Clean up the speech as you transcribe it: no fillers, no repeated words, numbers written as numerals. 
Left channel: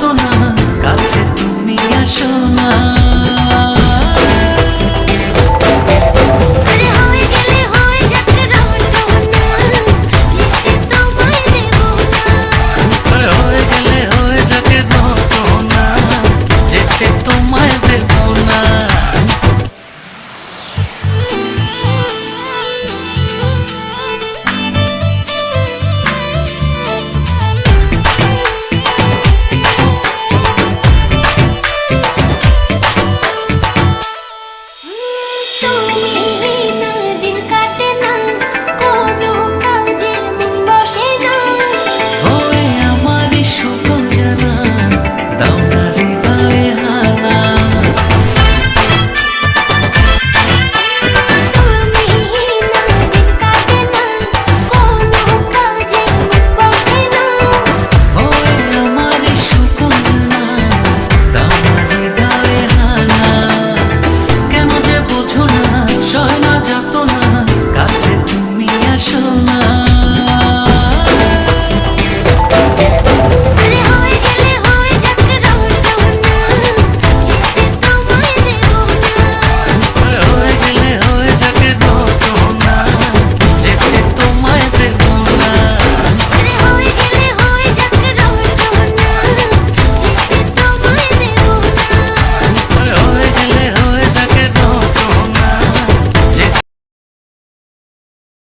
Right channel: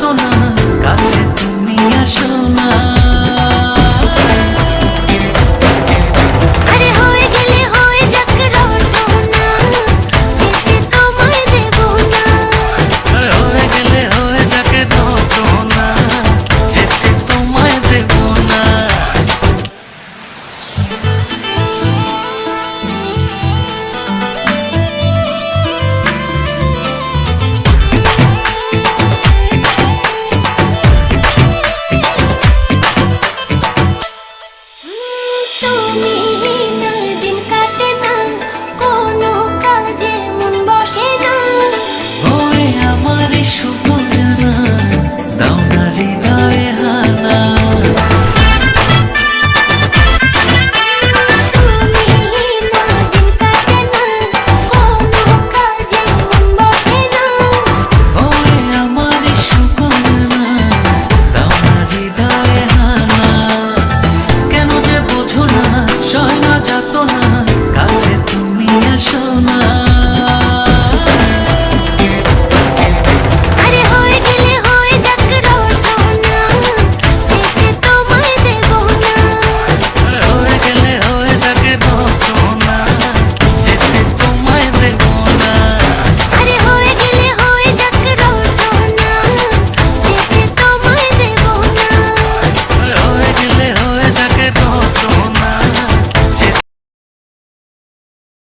যাত না, কাছে তুমি আসো না। সুখ জানা দাও না হৃদয়ে হানা, তুমি না দিন কাটে না, কোনো কাজে মন বসে না। ওই আমার সুখ জানা দাও না হৃদয়ে হানা। কেন যে বোঝো না, সয় না যাত না, কাছে তুমি আসো না।